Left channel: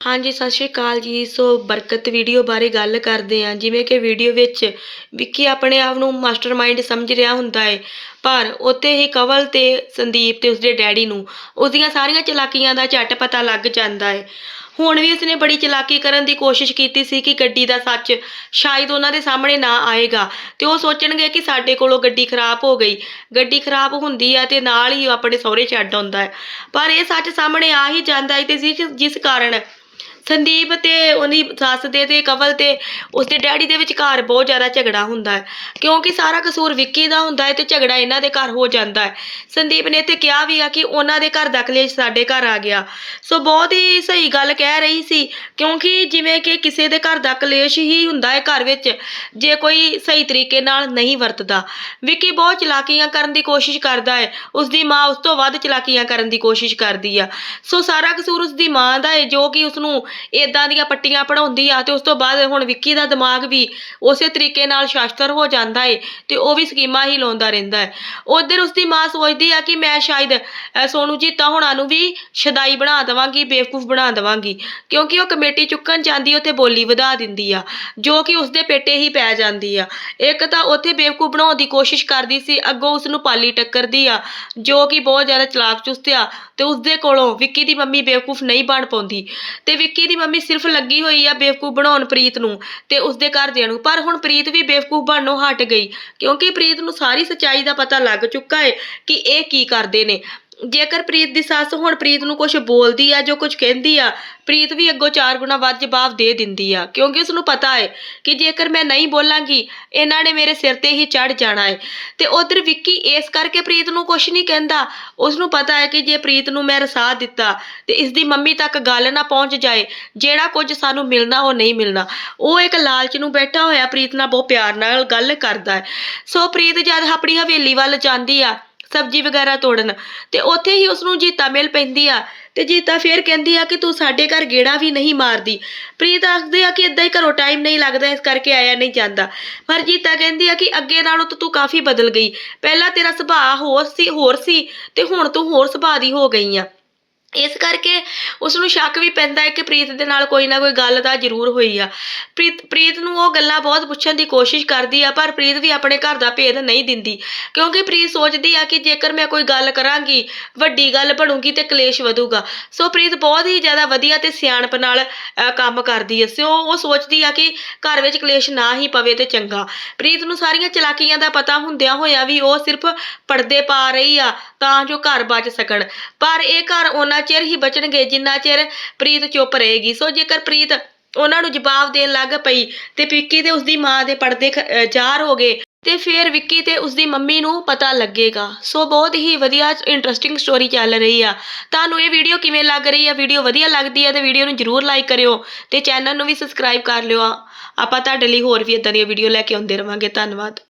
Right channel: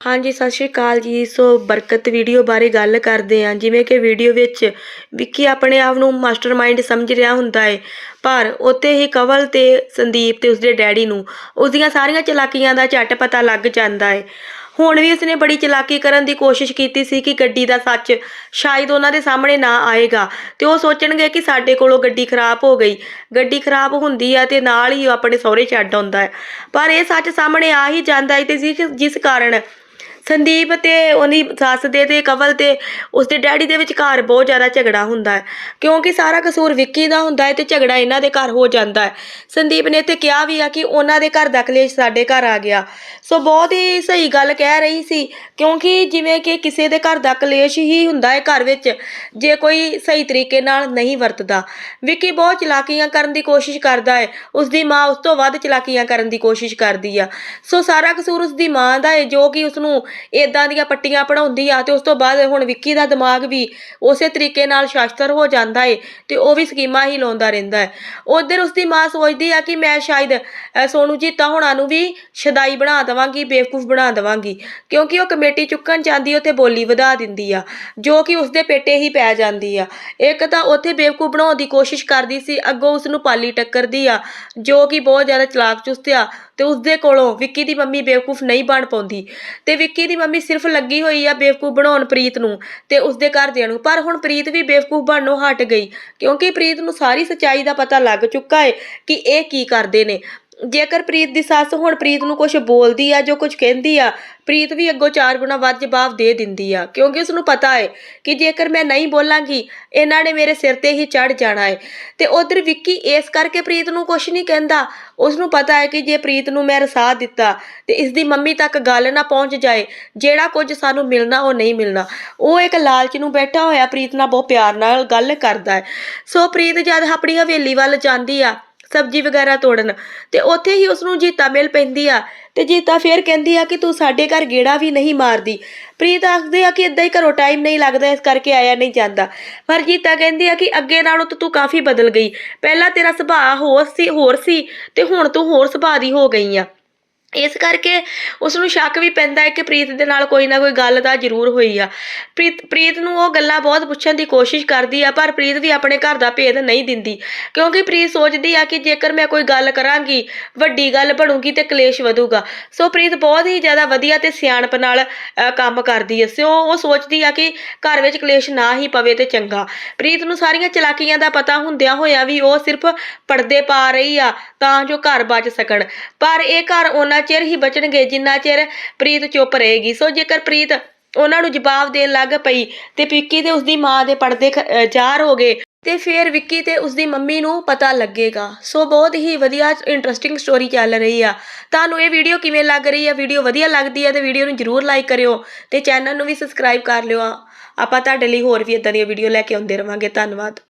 ਹਾਂਜੀ, ਸਤਿ ਸ਼੍ਰੀ ਅਕਾਲ ਜੀ। ਸੋ ਬਰਕਤ ਵੀਡੀਓ ਬਾਰੇ ਗੱਲ ਕਰਦੇ ਹਾਂ। ਜਿਵੇਂ ਕਿ ਵੀਡੀਓ ਵਿੱਚ ਵਿੱਕੀ ਆਪਣੇ ਆਪ ਨੂੰ ਮਾਸਟਰਮਾਈਂਡ ਸਮਝ ਰਿਹਾ ਹੁੰਦਾ ਹੈ। ਪਰ ਉੱਥੇ ਹੀ ਕਵਲ ਤੇ ਸੰਦੀਪ ਤੇ ਉਸਦੇ ਡੈਡੀ ਨੂੰ ਉਸਦੀਆਂ ਸਾਰੀਆਂ ਚਲਾਕੀਆਂ ਦਾ ਝੱਟ ਪਤਾ ਲੱਗ ਜਾਂਦਾ ਹੈ। ਹੁਣ ਵੀ ਉਸਨੇ ਬੜੀ ਚਲਾਕੀ ਕਰਨ ਦੀ ਕੋਸ਼ਿਸ਼ ਕੀਤੀ ਸੀ ਕਿ ਗੱਡੀ ਦਾ ਸੱਚ ਸ਼ਾਇਦ ਉਹਨਾਂ ਦੇ ਸਾਹਮਣੇ ਨਾ ਆਏਗਾ ਤੇ ਉਹ ਸੋਚਣਗੇ ਕਿ ਸਾਡੇ ਕੋਲੋਂ ਗੱਡੀ ਖਰਾਬ ਹੋ ਗਈ। ਗੱਡੀ ਖਰਾਬ ਹੁੰਦੀ ਆ ਤੇ ਨਾਲ ਹੀ ਉਹ ਆਪਣੇ ਸਹੁਰੇ ਛੱਡ ਆਉਂਦਾ ਹੈ। ਪਰ ਇਹ ਸੱਚ ਸਾਹਮਣੇ ਆ ਹੀ ਜਾਂਦਾ ਹੈ ਤੇ ਜਿਸ ਜਿਸ ਕਾਰਨ ਸੰਦੀਪ ਤੇ ਉਹਦੀ ਸੱਸ ਦੇ ਤੇ ਕਵਲ ਤੇ ਉਸਦੇ ਡੈਡੀ ਦੇ ਵਿਚਕਾਰ ਬਹੁਤ ਜ਼ਿਆਦਾ ਝਗੜਾ ਹੁੰਦਾ ਹੈ। ਕਿਉਂਕਿ ਸਾਰਾ ਕਸੂਰ ਵਿੱਕੀ ਦਾ ਹੁੰਦਾ ਹੈ ਤੇ ਝਗੜਾ ਇਹਨਾਂ ਦੇ ਘਰ ਹੋ ਜਾਂਦਾ ਹੈ। ਸੰਦੀਪ ਨੇ ਇੱਥੇ ਕਿਹਾ ਵੀ ਆ ਕਿ ਉਹਨਾਂ ਦੇ ਘਰ ਦਾ ਕਲੇਸ਼ ਸਾਡੇ ਘਰ ਆ ਗਿਆ। ਸੋ ਬਹੁਤ ਹੀ ਸਹੀ ਗੱਲ ਕਹਿ ਰਹੀ ਸੀ, ਕਿਉਂਕਿ ਜਿਵੇਂ ਕਿ ਕਿਸੇ ਦੇ ਘਰ ਦਾ ਕਲੇਸ਼ ਹੀ ਹੁੰਦਾ ਹੈ ਘਰ ਵਿੱਚ, ਜੇ ਕੋਈ ਸਹੀ ਤਰੀਕੇ ਨਾਲ ਨਹੀਂ ਵਰਤਦਾ। ਵਿੱਕੀ ਬਹੁਤ ਚਲਾਕੀਆਂ ਕਰਨ ਦੀ ਕੋਸ਼ਿਸ਼ ਕਰਦਾ ਹੈ। ਉਸਦੀ ਮਾਂ ਉਸ ਤੋਂ ਵੱਧ ਚਲਾਕੀਆਂ ਕਰਨ ਦੀ ਕੋਸ਼ਿਸ਼ ਕਰਦੀ ਆ। ਸੋ ਸਾਰਾ ਕਸੂਰ ਉਸਦੀ ਮਾਂ ਦਾ ਹੈ, ਜੋ ਕਿ ਉਸਨੂੰ ਇਦਾਂ ਦੀਆਂ ਪੱਟੀਆਂ ਪੜਾਉਂਦੀ ਆ ਤੇ ਉਸ ਤੋਂ ਬਾਅਦ ਹੁਣ ਵਿੱਕੀ ਦਾ ਦਿਮਾਗ ਵੀ ਉਸੇ ਤਰੀਕੇ ਨਾਲ ਸ਼ਾਸਤਰ ਹੋ ਜਾਂਦਾ ਏ ਤੇ ਉਹ ਵੀ ਸਕੀਮਾਂ ਹੀ ਲਾਉਂਦਾ ਰਹਿੰਦਾ ਹੈ। ਉਧਰ ਉਸਦੀ ਮਾਂ ਸੋਚਦੀ ਆ ਕਿ ਮੈਂ ਸ਼ਾਇਦ ਅ, ਜੀ ਤਾਂ ਹੁਣਾਂ ਨੂੰ ਵੀ ਸ਼ਦਾਈ ਬਣਾ ਦੇਵਾਂਗੀ ਬੇਵਕੂਫ ਬਣਾ ਦੇਵਾਂਗੀ ਕਿਉਂਕਿ ਉਹ ਕਮੇਟੀ ਚੁੱਕਣ ਜਾਂਦੀ ਉੱਥੇ ਬੋਲੀ ਵਧਾ ਦਿੰਦੀ ਆ ਜੋ ਕਿ ਉਸਦੇ ਪੇਟੇ ਹੀ ਪੈ ਜਾਂਦੀ ਆ। ਇੱਕ ਤਾਂ ਉੱਥੇ ਬੇਵਕੂਫ ਬਣਾਉਣ ਦੀ ਕੋਸ਼ਿਸ਼ ਕਰਦੀ ਸੀ ਅੱਗੋਂ ਉਸ ਨੂੰ ਪਾਲੀ ਟੱਕਰਦੀ ਆ ਜੋ ਕਿ ਬਹੁਤ ਜ਼ਿਆਦਾ ਚਲਾਕ ਚੁਸਤ ਆ ਤੇ ਉਸਦੇ ਕੋਲੋਂ ਵਿੱਕੀ ਦੀ ਮੰਮੀ ਬੇਵਕੂਫ ਨਹੀਂ ਬਣ ਪਾਉਂਦੀ। ਤੇ ਵਿੱਕੀ ਦੀ ਮੰਮੀ ਸਿਰਫ ਲੱਗੀ ਹੋਈ ਆ ਬੇਵਕੂਫ ਬਣਾਉਣ ਪ੍ਰੀਤ ਨੂੰ ਤੇ ਉਸਦੇ ਘਰਦਿਆਂ ਨੂੰ। ਪਰ ਹੁਣ ਪ੍ਰੀਤ ਵੀ ਬੇਵਕੂਫ ਬਣਨੋਂ ਹਟ ਗਈ, ਕਿਉਂਕਿ ਪ੍ਰੀਤ ਨੂੰ ਸਾਰੀ ਸੱਚਾਈ ਦਾ ਪਤਾ ਲੱਗ ਚੁੱਕਾ ਹੈ ਕਿ ਇਹ ਕੀ ਕਰਦੇ ਨੇ। ਜੇਕਰ ਪ੍ਰੀਤ ਦੀ ਸੱਸ ਹੁਣ ਪ੍ਰੀਤ ਨੂੰ ਕੁਝ ਬੋਲਦੀ ਆ, ਜੋ ਕੁਝ ਕਹਿੰਦੀ ਆ, ਪ੍ਰੀਤ ਵੀ ਅੱਗੋਂ ਚਾਰ ਗੁਣਾ ਵੱਧ ਜਵਾਬ ਦੇ ਦਿੰਦੀ ਆ। ਕਿਉਂਕਿ ਉਸ ਨੂੰ ਪਤਾ ਹੈ ਕਿ ਜੇਕਰ ਮੈਂ ਨਹੀਂ ਬੋਲਾਂਗੀ, ਇਹਨਾਂ ਨੇ ਮੇਰੇ ਸਿਰ ਤੇ ਹੀ ਚੜ ਜਾਣਾ ਹੈ। ਤੇ ਉਧਰ ਵਿੱਕੀ ਇਸ ਕਰਕੇ ਪ੍ਰੀਤ ਨੂੰ ਕੁਝ ਨਹੀਂ ਕਹਿੰਦਾ। ਉਸ ਨੂੰ ਪਤਾ ਹੈ ਕਿ ਜੇ ਪ੍ਰੀਤ ਨੂੰ ਮੈਂ ਰਸਾ ਦਿੱਤਾ, ਤੇ ਇਸ ਦੀ ਮੰਮੀ ਤੱਕ ਗੱਲ ਨਾ ਪਹੁੰਚ ਜਾਏ, ਜਿਹੜਾ ਕੁਝ ਸਾਨੂੰ ਮਿਲਣਾ, ਉਹ ਨਹੀਂ ਮਿਲਣਾ। ਉਹ ਇੱਕ ਲਾਲਚ ਨੂੰ ਬੈਠਾ ਹੋਇਆ ਪ੍ਰੀਤ ਨਾਲ ਬਹੁਤ ਪਿਆਰ ਨਾਲ ਗੱਲ ਕਰਦਾ ਹੈ। ਸੋ ਪ੍ਰੀਤ ਜਦ ਆਪਣੀ ਹਵੇਲੀ ਵੱਲ ਜਾਂਦੀ ਆ ਸਬਜ਼ੀ ਵਗੈਰਾ ਤੋੜਨ। ਤੇ ਉੱਥੇ ਹੀ ਉਸ ਨੂੰ ਜੀਤਾ ਮਿਲ ਪੈਂਦੀ ਆ। ਤੇ ਜੀਤਾ ਫੇਰ ਕਹਿੰਦੀ ਆ ਕਿ ਤੂੰ ਸਾਡੇ ਘਰ ਗੇੜਾ ਵੀ ਨਹੀਂ ਮਾਰਦੀ। ਪ੍ਰੀਤ ਆਖਦੇ ਆ ਕਿ ਇਦਾਂ ਹੀ ਘਰੋਂ ਟਾਈਮ ਨਹੀਂ ਲੱਗਦਾ, ਇਸ ਕਰਕੇ ਆਇਆ ਨਹੀਂ ਜਾਂਦਾ। ਪਰ ਜੀਤਾ ਕਹਿੰਦੀ ਆ ਕਿ ਅੱਗੇ ਨਾਲੋਂ ਤਾਂ ਤੂੰ ਕਾਫੀ ਬਦਲ ਗਈ। ਪਹਿਲਾਂ ਤੇਰਾ ਸੁਭਾਅ ਹੋਰ ਸੀ ਹੋਰ ਸੀ ਤੇ ਹੁਣ ਤੂੰ ਹੋਰ ਸੁਭਾਅ ਦੀ ਹੋ ਗਈ ਆ। ਇਸ ਕਰਕੇ ਉਸ ਨੂੰ ਸ਼ੱਕ ਵੀ ਪੈਂਦਾ ਹੈ ਕਿ ਪ੍ਰੀਤ ਦੇ ਨਾਲ ਕੋਈ ਨਾ ਕੋਈ ਗੱਲ ਤਾਂ ਜ਼ਰੂਰ ਹੋਈ ਆ। ਪ੍ਰੀਤ ਪ੍ਰੀਤ ਨੂੰ ਉਹ ਗੱਲਾਂ ਬਹੁਤ ਪੁੱਛਣ ਦੀ ਕੋਸ਼ਿਸ਼ ਕਰਦੀ ਆ ਪਰ ਪ੍ਰੀਤ ਵੀ ਆਪਣੇ ਘਰ ਦਾ ਭੇਦ ਨਹੀਂ ਦਿੰਦੀ। ਕਿਉਂਕਿ ਪ੍ਰੀਤ ਸੋਚਦੀ ਆ ਕਿ ਜੇਕਰ ਮੈਂ ਕੋਈ ਗੱਲ ਕਰਾਂਗੀ ਵੱਡੀ ਗੱਲ ਬਣੂਗੀ ਤੇ ਕਲੇਸ਼ ਵਧੂਗਾ। ਸੋ ਪ੍ਰੀਤ ਬਹੁਤ ਹੀ ਜ਼ਿਆਦਾ ਵਧੀਆ ਤੇ ਸਿਆਣਪ ਨਾਲ ਅ, ਕੰਮ ਕਰਦੀ ਐ ਸੋ ਉਹ ਸੋਚਦੀ ਆ ਕਿ ਘਰ ਵਿੱਚ ਕਲੇਸ਼ ਨਾ ਹੀ ਪਵੇ ਤੇ ਚੰਗਾ। ਪ੍ਰੀਤ ਨੂੰ ਸਾਰੀਆਂ ਚਲਾਕੀਆਂ ਦਾ ਪਤਾ ਹੁੰਦਿਆਂ ਹੋਇਆ ਵੀ ਉਹ ਸਿਰਫ ਪਰਦੇ ਪਾ ਰਹੀ ਆ ਤਾਂ ਜੋ ਘਰ ਬਚ ਸਕਣ। ਪਰ ਇਹ ਘਰ ਉਹਨਾਂ ਚਿਰ ਹੀ ਬਚਣਗੇ, ਜਿੰਨਾ ਚਿਰ ਪ੍ਰੀਤ ਚੁੱਪ ਰਹੇਗੀ। ਸੋ ਜੇਕਰ ਪ੍ਰੀਤ ਉਹਨਾਂ ਨੂੰ ਜਵਾਬ ਦੇਣ ਲੱਗ ਪਈ ਤੇ ਵਿੱਕੀ ਤੇ ਉਸਦੀ ਮਾਂ ਦੇ ਪਰਦੇ ਖ- ਹੋ ਗਏ, ਤੇ ਫਿਰ ਵਿੱਕੀ ਤੇ ਉਸਦੀ ਮੰਮੀ ਨੂੰ ਪਤਾ ਲੱਗੇਗਾ। ਸੋ ਬਹੁਤ ਹੀ ਵਧੀਆ ਇੰਟਰਸਟਿੰਗ ਸਟੋਰੀ ਚੱਲ ਰਹੀ ਆ। ਤੁਹਾਨੂੰ ਇਹ ਵੀਡੀਓ ਕਿਵੇਂ ਲੱਗ ਰਹੀ ਆ? ਵੀਡੀਓ ਵਧੀਆ ਲੱਗਦੀ ਆ ਤੇ ਵੀਡੀਓ ਨੂੰ ਜਰੂਰ ਲਾਈਕ ਕਰਿਓ ਤੇ ਚੈਨਲ ਨੂੰ ਵੀ ਸਬਸਕ੍ਰਾਈਬ ਕਰ ਲਿਓ ਆਪਾਂ ਤੁਹਾਡੇ ਲਈ ਹੋਰ ਵੀ ਇਦਾਂ ਦੀਆਂ ਵੀਡੀਓ ਲੈ ਕੇ ਆਉਂਦੇ ਰਵਾਂਗੇ। ਧੰਨਵਾਦ।